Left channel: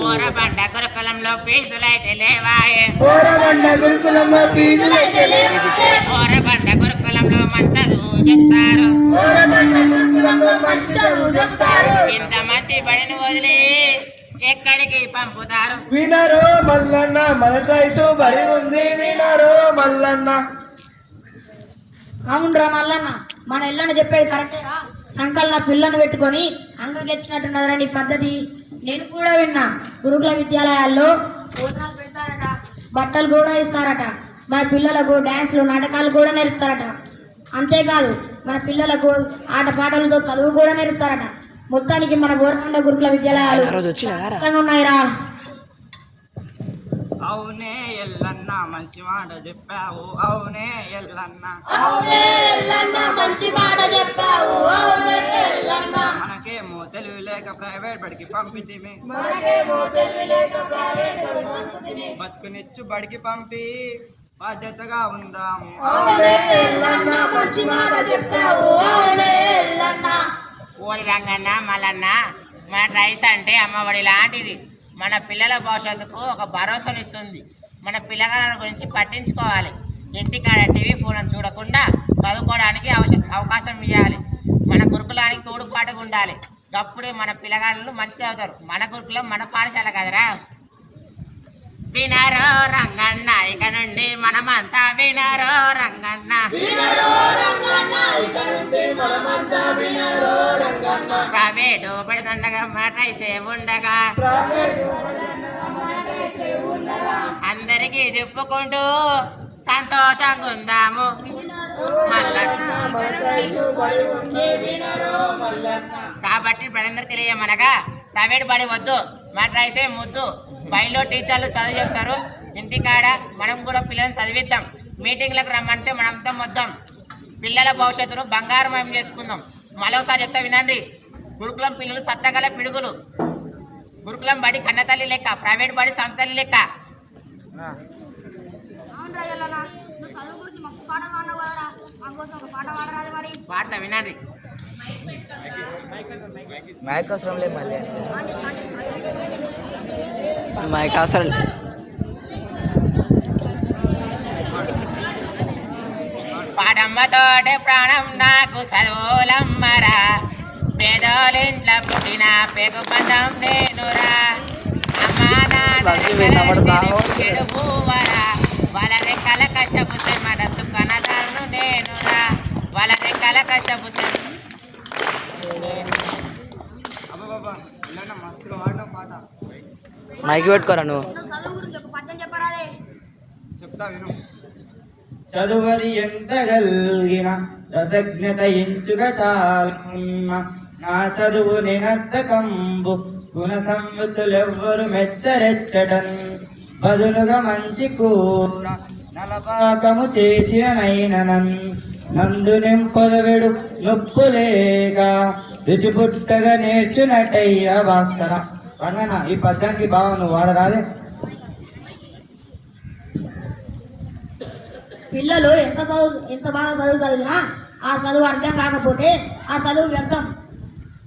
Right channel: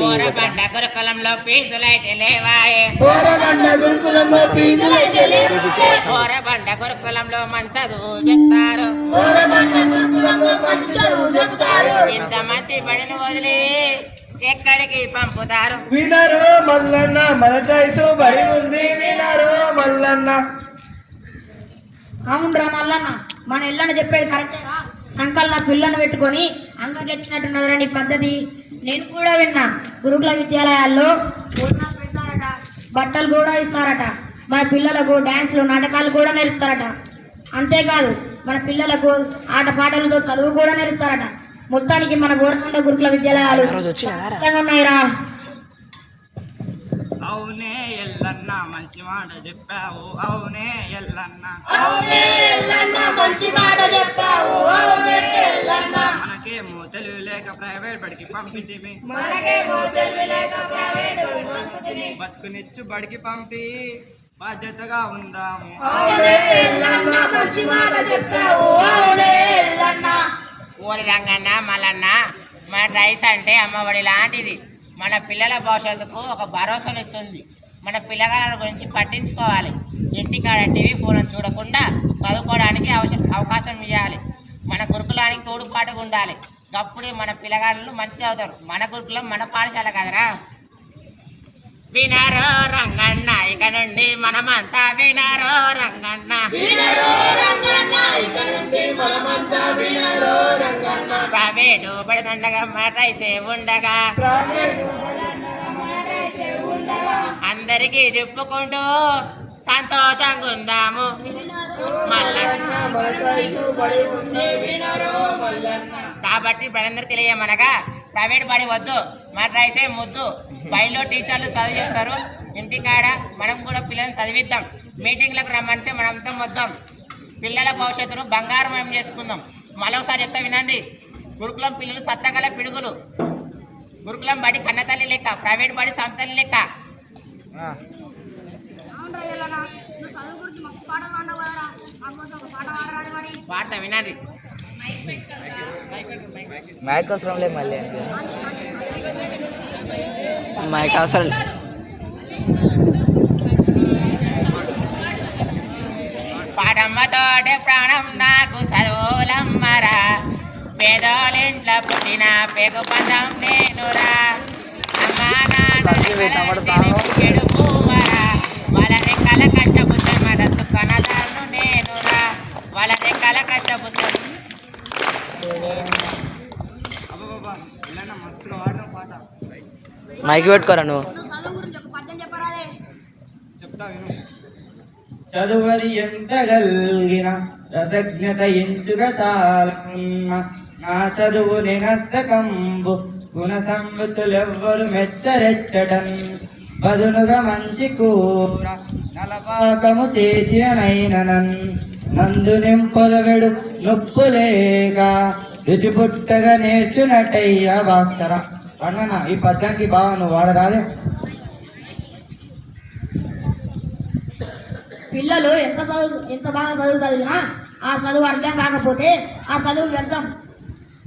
పోరబండ గురుకులంలో ఫీజులైతే లేవాయే పోరబండ గురుకులంలో మంచి చదువు చెప్తారు ఇంత మంచి బడిని వదిలి ఎక్కడికి పంపుతారు వినరు మల్లన్న మన టైసు బడి ఉంది వినరు మల్లన్న. అవునరా మల్లన్న మన ఇళ్ళని చెప్పేది కరెక్టేరా. సంకలన పిల్లను పెట్టుకొని అంగకి తెచ్చినట్టున్నదిరా నీ పద్ధతి. నేను కూడా విన్నా గురుకుల విద్యాలయాల్లో భోజనాలు పెడతారట, బట్టలు కూడా ఇస్తారట, మన పిల్లలకు డ్యాన్స్లు నాటకాలు కూడా నేర్పుతారట. అంతేకాదు మన పిల్లలకు ఆటపాటలతో చదువు కూడా నేర్పుతారట. మొత్తానికి మన బోరకొండ గురుకుల విద్యాలయాలు ఉన్నాయిరా. అవునే ఎల్లన్న మంచి మాట చెప్పావు, అవునే ఎల్లన్న మంచి మాట చెప్పావు. మనకేమో తెలివి లేక ప్రైవేట్ బడికి పంపితిమి, బతుకునిచ్చు బడికి పంపి బాధ్యతగా ఉందాము. ఓరి రంగన్న మల్లన్న మన రైస్ అంటే అమ్మఒడి లాంటిది. మన పిల్లల భవిష్యత్తుకు ఒక భరోసానిస్తుంది. మన పిల్లగాళ్ళ గురించి పట్టించుకోవాలి. ఇంటికాడ టీవీ ఫోన్ చూడకుండా చదువుకోవడానికి అవకాశం ఇవ్వాలి. మన గురుకులానికి తోడుపాటుగా ఉండాలి. అప్పుడే మన పిల్లగాళ్ళు మంచిగా అవుతారు. మన గురుకులం మన పాఠశాల కదరా. వినారో రంగన్న ఇక నుండి మనమంతా వినారో రంగన్న. ప్రైవేటు పడుతుండగా రైసే ఉండగా అందరికీ చెప్పుకుంటూ సంతోషంగా ఉందాము. కాబట్టి బడందరూ తెలియమనగా ప్రైవేట్ బడి వద్దు, మన రైసే ముద్దు. బడిలో టీచర్లు చదువు చెప్తారు, ఇంటికాడ మనం కూడా పిల్లల్ని చదివిద్దాం. మీటింగ్లకు రమ్మంటే మనంతా వద్దాం. పిల్లల భవిష్యత్తును బంగారమయం చేసుకుందాం. మరోసారి చెప్తా వినండి. గురుకులం పిల్లలు సత్తగల పిడుగులు. గురుకులం బడి కన్నతల్లి లెక్క, ప్రైవేట్ బడి సంతల్లి లెక్క. పాడతా వినండి. మైక్ అవసరం లేదు, మళ్ళీ మైక్ అవసరం లేదు. పాడమ్మతోటే ప్రాణం నాకు చదువులమ్మరా, పేదోళ్ళింట్లో పుట్టిన పెగు పందం నేనురా. అమ్మా నాన్న పువ్వరా, వాళ్ళ రెక్కల కష్టపుత్రం మాట సుఖనదాలను నేనురా. వాళ్ళ రెక్కల కష్టపుత్రం. అబ్బాబా ఇలాంటి మస్తుగా వాడిన పాట మైక్ పెట్టుకోరా నువ్వు. చెప్తా విను. చదువది ఎంత గల్గిన రసజ్ఞత ఎంచుగా చాలన్న, నా చదువు నిరర్థకంబు గుణ సంవృతులెవ్వరు మెచ్చరెచ్చటన్. బదునుగా మంచి కూర నలపాకము చేసిననైననన్, నందు నింపొదవెడు నొప్పులేక రుచి పుట్టగా నేర్చునట్టయ్యా భాస్కర. రంగన్న ఈ పద్యానికి బాగా నువ్వు వాడరాదే. పిల్లలు ఎంత బాగా చదివినా ఆ చదువు అర్థం కాకపోతే ఆ చదువు వ్యర్థం.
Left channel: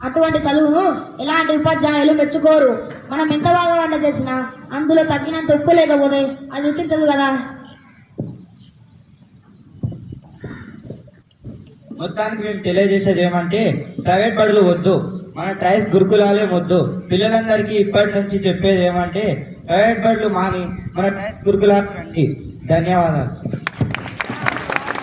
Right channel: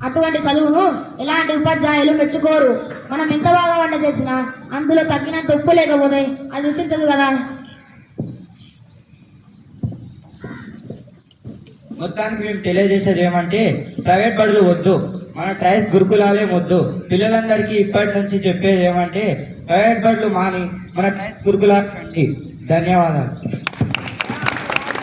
అటువంటి చదువును ఎలాంటి ఉపాధ్యాయులు మెచ్చుకోరు. మనం ఎంత బాగా వంట చేసినా అందులో తగ్గినంత ఉప్పు లేకపోతే అది రుచించదు కదా. మొత్తానికి మేము తెలియజేసేది ఏమంటే ప్రైవేట్ బడులు వద్దు, మన ట్రైస్ గురుకులాలే వద్దు. పిల్లలందరికీ ఇప్పటి నుంచి చెప్పేది ఏమంటే ప్రైవేట్ బడులు మాని మన ట్రైస్ గురుకులాలు రండి. ధన్యవాదాలు.